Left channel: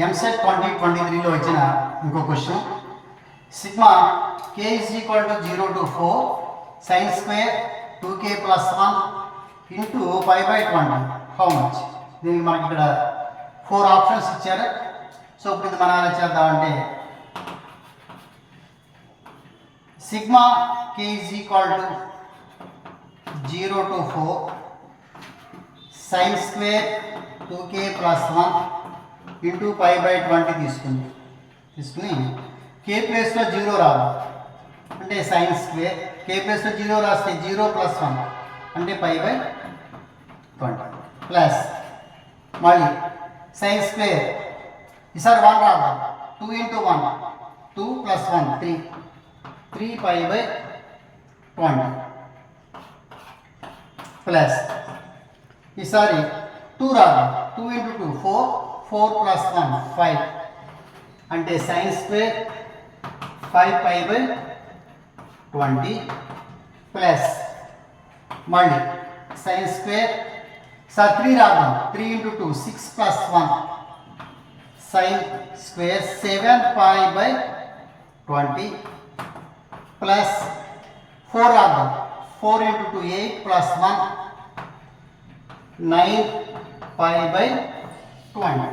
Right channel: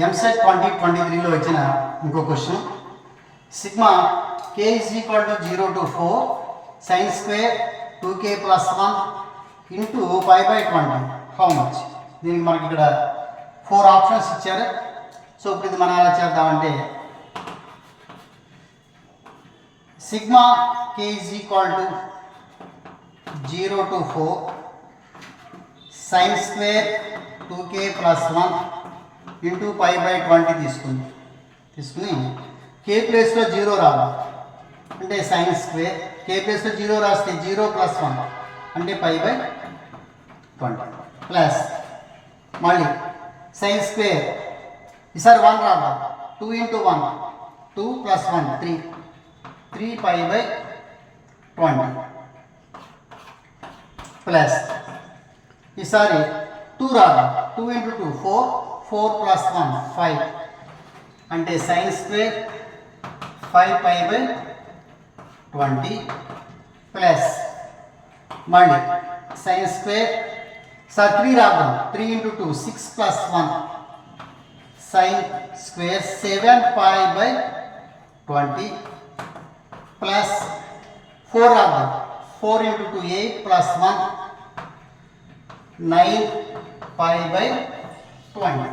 ఎంసెట్ 2023లో వచ్చిన ఇంకో question. Sigma k is equal to 0 to 4 sin square 2k plus 1 into pi by 20. How much? దీనికి మనకి ఇక్కడ 4 options ఇచ్చారు. సో ఇప్పుడు ఇది మనం ఎలా చేద్దామంటే sigma k is equal to 0 to 4 sin square 2k plus 1 into pi by 20 తీసుకుని k ప్లేస్లో 0 రాదు అంటే sin స్క్వేర్, k ప్లేస్లో 0 రాస్తే 0 plus 1 అంటే pi by 20 ప్లస్ మళ్ళీ sin స్క్వేర్ ఈసారి 1 రాదు 2 into 1 2 plus 1 3 pi by 20 plus ఈసారి 2 రాదు 2 into 2 4 plus 1 5 అంటే sin square 5 pi by 20 plus మళ్ళీ sin స్క్వేర్ సార్ 3 రాదు 3 into 2 6 plus 1 sin square 7 pi by 20 plus 4 రాదు 4 into 2 8 plus 1 9 pi by 20.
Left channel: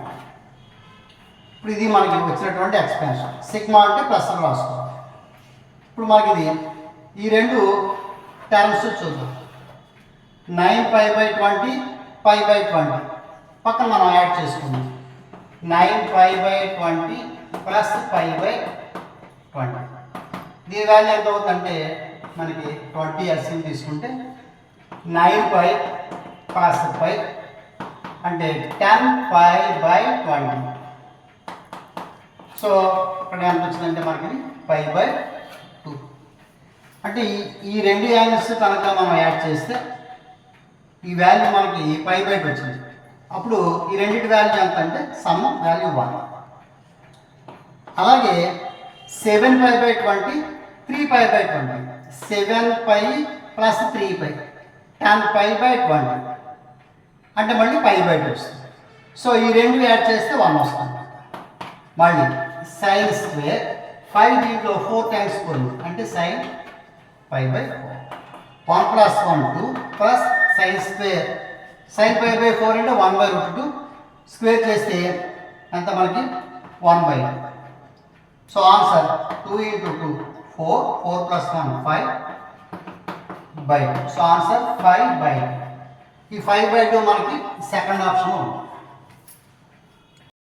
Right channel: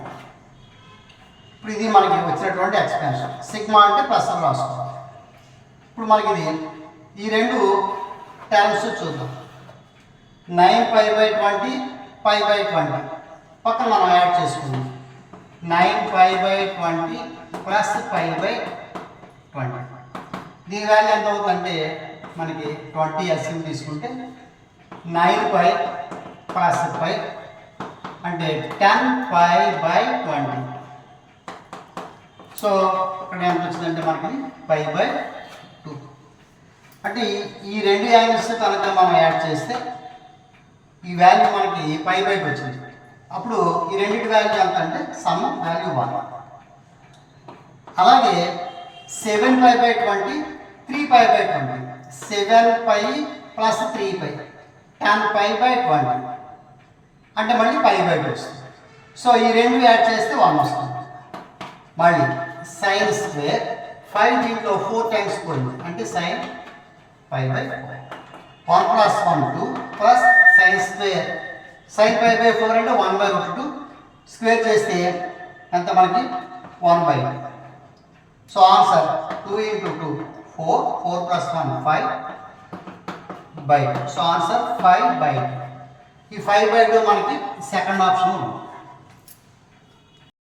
ఇప్పుడు ఇది మనకి వచ్చినటువంటి ఎక్స్పాన్షన్. సిగ్మా అంటే ప్లస్ రాసుకోవాలి. ఇప్పుడు మనకి ఇది ఈ రెండు టర్మ్స్ చూద్దాం. 9 pi by 20 pi by 20 పక్కన మనం యాడ్ చేసుకుందాం. 9 pi by 20 plus pi by 20. దీని వాల్యూ ఎంత అవుతుందంటే మనకి 20 ఎల్సిఎం తీసుకుంటే 9 pi ప్లస్ pi అంటే 10 pi by 20. సో ఇక్కడ ఎంత వచ్చిందంటే మనకి pi by 2. అంటే ఈ రెండు యాంగిల్స్ కనుక మనం యాడ్ చేస్తే ఈ వాల్యూ మనకి pi by 2 వచ్చింది. అప్పుడు ఈ రెండింటి వాల్యూ ఎంత అంటే సమ్ వాల్యూ 1. అలాగే 7 pi by 20 3 pi by 20 7 pi plus 3 pi 10 pi by 20 అంటే మళ్ళీ pi by 2 వస్తుంది. సో ఈ రెండు యాడ్ చేస్తే 1 వస్తుంది. మళ్ళీ sin స్క్వేర్ 5 దీంట్లో 4 టైమ్స్ పోయింది అంటే sin pi by 4 1 plus 1 2 plus sin square sin pi by 4 అంటే 1 by root 2 స్క్వేర్ చేస్తే ఎంత మనకి 1 by 2. So answer 2 into 2 4 plus 1 5 by 2. So answer 5 by 2. ఈ 5 by 2 మనకి సెకండ్ ఆప్షన్ ఉంది.